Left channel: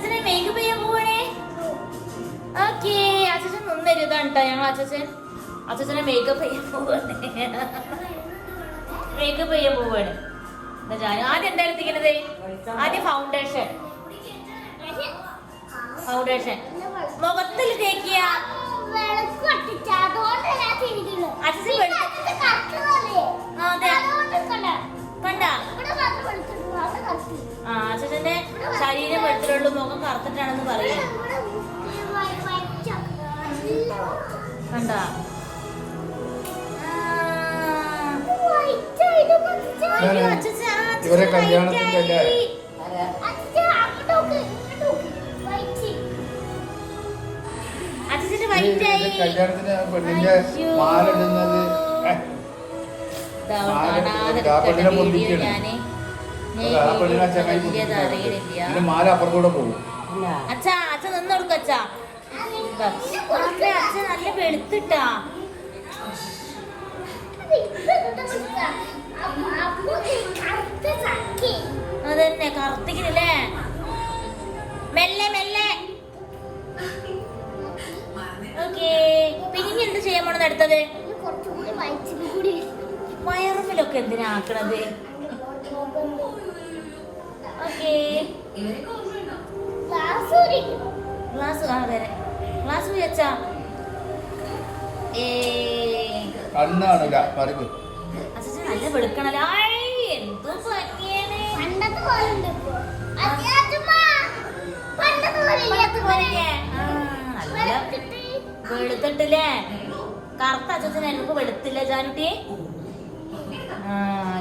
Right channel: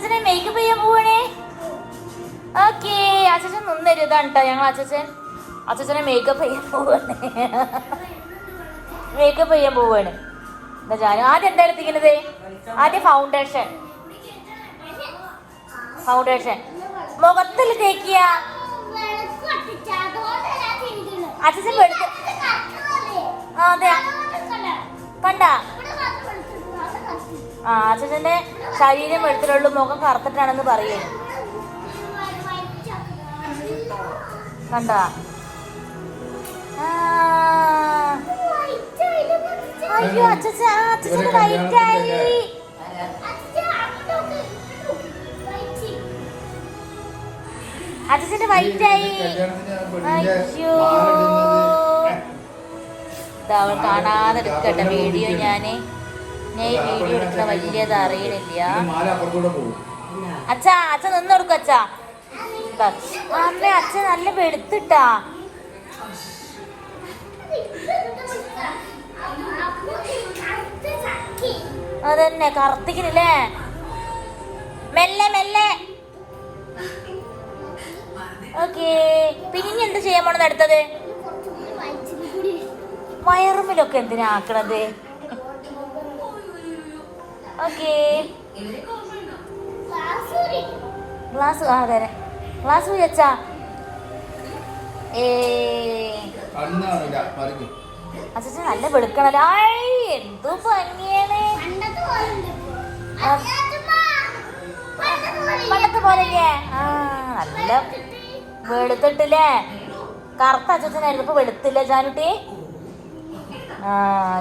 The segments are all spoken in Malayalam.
അച്ഛനെ മേക്കപ്പ് ചെയ്യാൻ പോവാണേ. ഓക്കേ, അച്ഛൻ നിന്നൊരു ഇതാണ് കേട്ടോ. ഞങ്ങൾ അച്ഛനെ മേക്കപ്പ് ചെയ്യാൻ പോവാണ്. മേക്കപ്പ് ചെയ്യാൻ പോവാണ്. എന്താ ഞാൻ ആദ്യം എന്താ എടുത്തിരിക്കുന്നത്? ആദ്യം ഫൗണ്ടേഷൻ മുഖത്തിൽ തേക്കിയ. അച്ഛൻ അതെ കണ്ട അച്ഛന്റെ ശരീരം വെളുത്തിട്ടുള്ളൂ, മുഖം കറുത്തിട്ടാണെന്ന് പറയേ. കണ്ട അച്ഛന്റെ വൈറ്റായി. അവൾ കാണാതെ എടുക്കട്ടെ വീഡിയോ. ഞാൻ ഈ വീഡിയോ എടുക്കുന്ന വലിയത് അറിയണില്ല. അച്ഛാ നിന്ന് കൊടുക്ക. അച്ഛാ അമ്മ അച്ഛൻ നല്ല വെളുത്തിട്ടാ. അതന്നെ കറുത്തിക്കില്ലേ. മെല്ലെ. ഓക്കേ, പിന്നെ എന്ത് ചെയ്യാൻ പോണെന്ന് അടുത്തത്? വയറുമ്പിലൊക്കെ എന്തിനാ ആക്കണത്? ഓക്കേ, ഗ്ലാസ് അതെ ഗ്ലാസ് വെച്ചാ. അച്ഛൻ നല്ല വെളുക്കണല്ലോ. എന്തോ ഭംഗിയാണ്. പണ്ടത്തെ പോലെയല്ലേ? നല്ല വെളുത്തിട്ടില്ലേ. കറുത്ത അച്ഛനായിരുന്നു, ഇപ്പൊ വെളുത്തില്ല ജാനുട്ടി.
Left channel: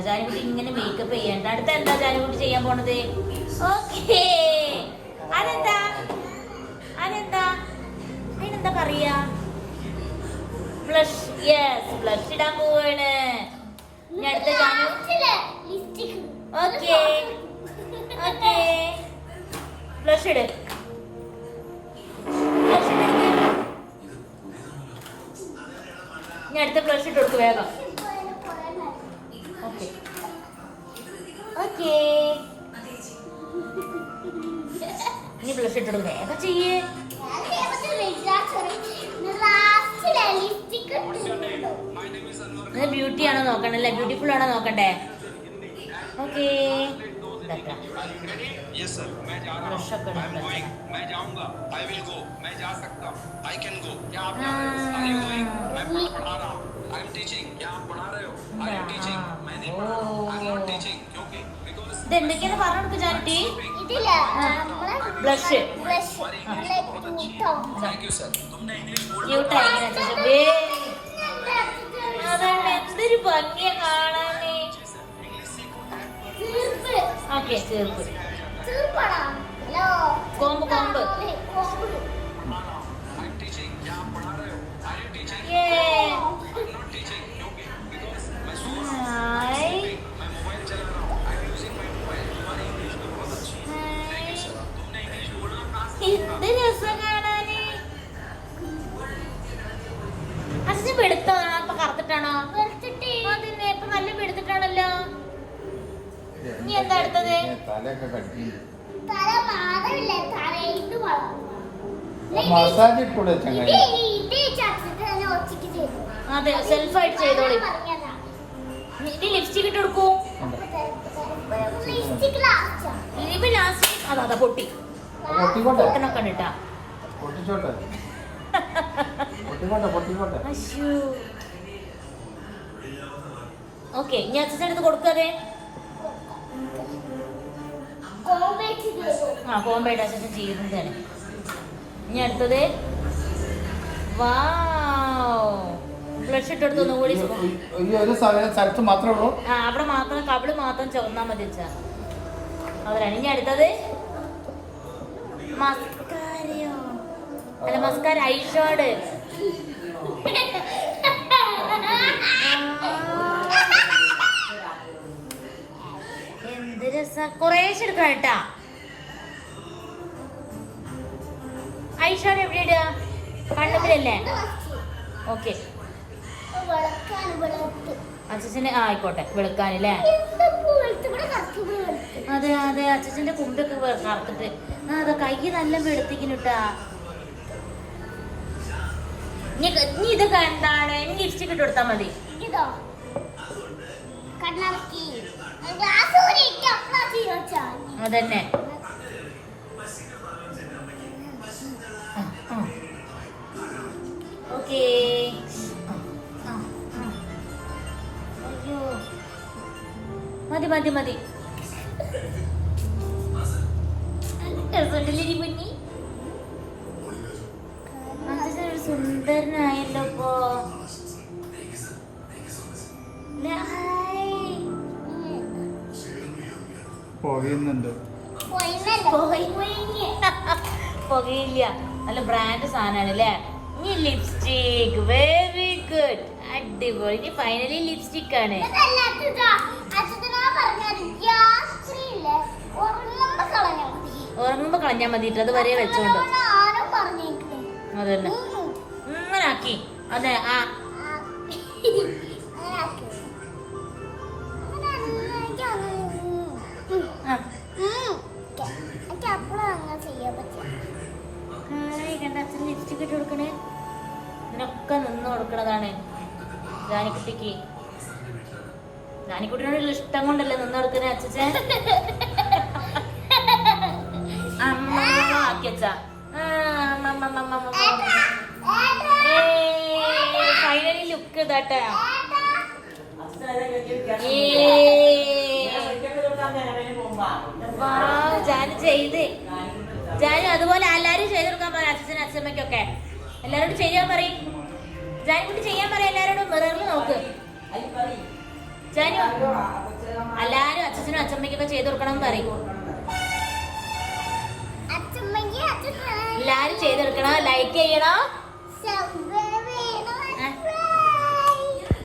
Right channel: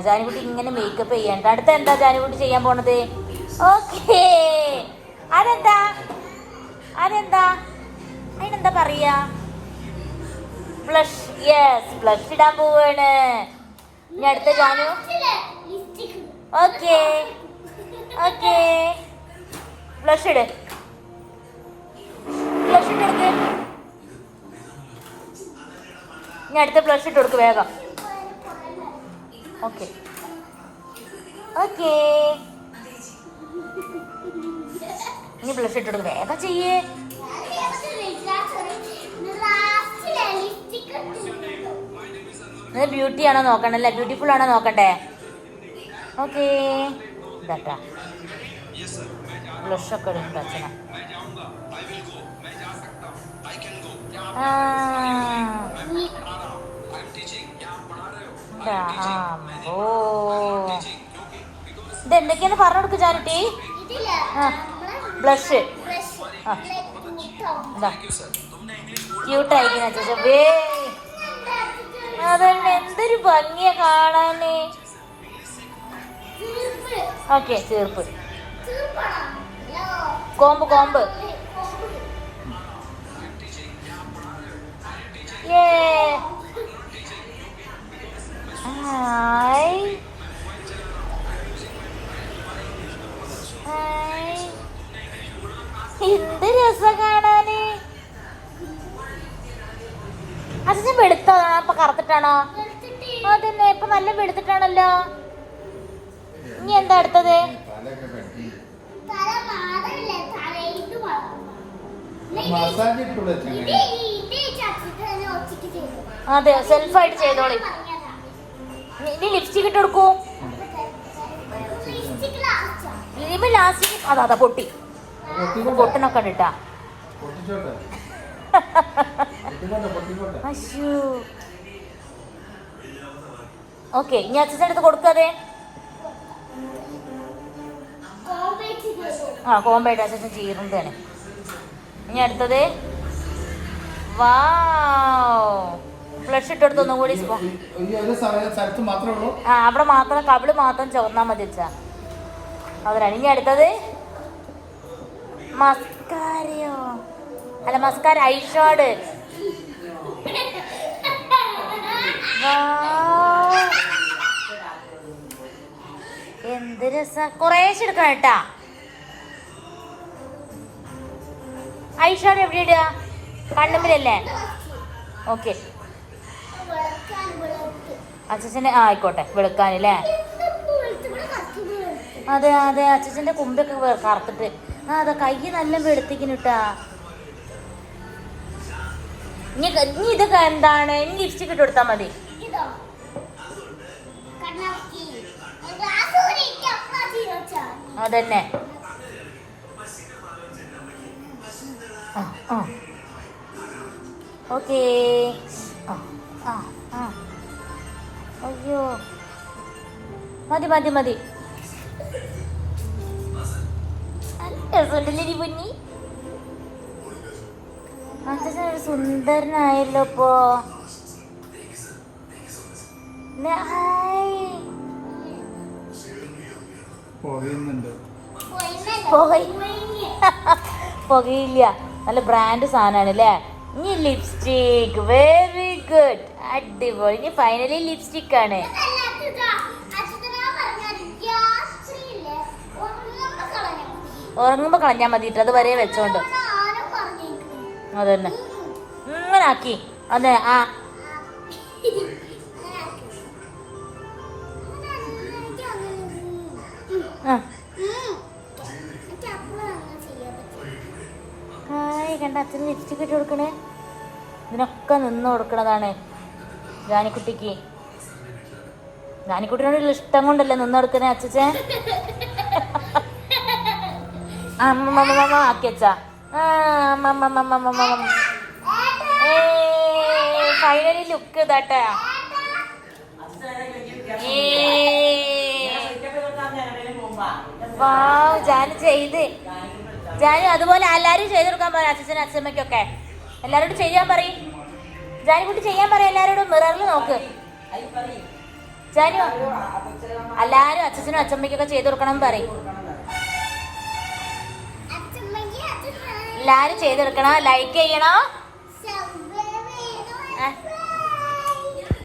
ജാനുകുട്ടി ഇങ്ങനെ മേക്കപ്പ് ചെയ്യണ്ട. അടുത്ത എന്താ ജാനുകുട്ടി ചെയ്യാൻ പോണത്? ഓക്കേ, അതെന്താ അതിനെന്താ പറയാ? ബ്ലഷ്. യെസ്, ബ്ലഷ് ഇടാൻ പോവാണ്. ഇനി അടുത്ത ജാനു. ഓക്കേ ബ്ലഷ് ഇട്. ഇനി അടുത്ത ബ്ലഷ് ഇട്ട് കൊടുക്ക് വേഗം. ഓക്കേ ഇനി ബ്ലഷ് ഇട്ട് കൊടുക്ക് വേഗം ചെയ്യേ. ബ്യൂട്ടി ആണോ നോക്കണ്ടല്ലേ? ബ്യൂട്ടിഫുൾ ആണോ നോക്കണ്ടേ? ഓക്കേ ഇതാട്ടാ ബ്ലഷൊക്കെ ഇടുന്നുണ്ട് അച്ഛന. ഇതെന്തൊക്കെയാന്ന് പറഞ്ഞു കൊടുക്ക് ജാനുട്ടി. ബ്ലഷ് അതന്നെ എന്തൊരു ഭംഗിയാ കാണാന്. ഓക്കെ, ചേർപ്പ് കോമ്പ് എന്ത് രസം കാണാന്. അച്ഛൻ വെളുത്തതാണോ ഇപ്പൊ കറുത്തിട്ടാണോ? അതന്നെ ഇപ്പൊ നല്ല വെളുത്തിട്ടാണല്ലോ. ഇനി എന്താ അടുത്തത്? അതെ, സെൽഫായിട്ട് ചെയ്തോളി. ഇനി ലിപ്സ്റ്റിക് ഇട്ട് കൊടുക്കൂ. ലാസ്റ്റ് അതാ പൊട്ടി പൊട്ടനൊക്കെ ഇട്ടാ. ഓക്കെ, ഇനി അച്ഛൻ എടുത്ത് കൊടുക്കാതെ. കോമ്പായിട്ട് അച്ഛൻ ചെയ്യുന്നതാണ്. ഇനി അടുത്തത് ബ്ലഷ് ഇട്ടെടുത്ത് ഒന്നും കൂടി. അവിടെ മാത്രം കവിള് മാത്രം ചുവന്നാ മതി വെച്ചാ അവരാണ്. ഇനി അടുത്തത് മസ്കാരയോ അല്ല, മസ്കാര ഐഷാഡ്. എന്ത് രസം. കുറേശ്ശെ എടുക്കണം കേട്ടാ. ഐഷാഡ് എവിടെ ഇടുക? കണ്ണുമ്പിലല്ലേ? ഓക്കെ, അച്ഛനെ ആയിക്കോട്ടെ വെളുക്കാനല്ലേ? അതെ അച്ഛൻ്റെ കുമ്പൊക്കെ കറുത്തിട്ട് ആ അതെ കൈ നല്ല വെളുത്തിക്കിട്ടാ. ഇനി ഇത് എന്താണ്? ഇനി ലിപ്സ്റ്റിക് ഇട്ട് കൊടുത്താ മതി. അതന്നെ. ഓക്കേ. അയ്യോ മതി മതി മതി. രസമുണ്ടല്ലേ പൊന്നി? ഒരു സുന്ദരനായല്ലോ ഇപ്പോ. പുകയില്ല, നല്ല ബ്രാൻഡ് സാധനമാണ് അല്ലേ. ഇനി ലിപ്സ്റ്റിക്, വെരി ഗുഡ്, അടിപൊളി. ഇനി ഫൈനലി ലിപ്സ്റ്റിക് ആണ്. ഉറങ്ങുമ്പോ കളഞ്ഞാ മതിട്ട്, അത് വരെ വെച്ചോണ്ട്. അതന്നെ ഇങ്ങനെ ആക്കി. അതെ ആ കണ്ട അച്ഛന് ലിപ്സ്റ്റിക് ഇട്ട് കൊടുക്കണേ. ഇതിനൊക്കെ നിന്ന് കൊടുക്കണതാണ് ജാനിക്കുട്ടിക്ക്. ജാനിക്കുട്ടിനോടുള്ള ഇഷ്ടം കൊണ്ടല്ലേ നിന്ന് കൊടുക്കണേ അച്ഛൻ. അമ്മ ആക്കിയച്ചാ. ഫൈനലി ലുക്ക് ഇതാട്ടാ. ജാനു ചെയ്ത്, ജാനു അതുപോലെ എല്ലാരും ചെയ്ത് കൊടുക്കാൻ പറയും അച്ഛനും അച്ഛമ്മയ്ക്കൊക്കെ. എല്ലാരോടും ചെയ്യാൻ പറയും. ജാനുകുട്ടി ചെയ്യാൻ പറയും എല്ലാരോടും. മിററിൽ നോക്ക് ജാനു. എല്ലാരും അച്ഛനും അച്ഛമ്മയ്ക്കൊക്കെ ചെയ്ത് കൊടുക്കണം പറയും. എല്ലാരും ചെയ്തെടുക്കണം, ലൈക്ക് ചെയ്യണം.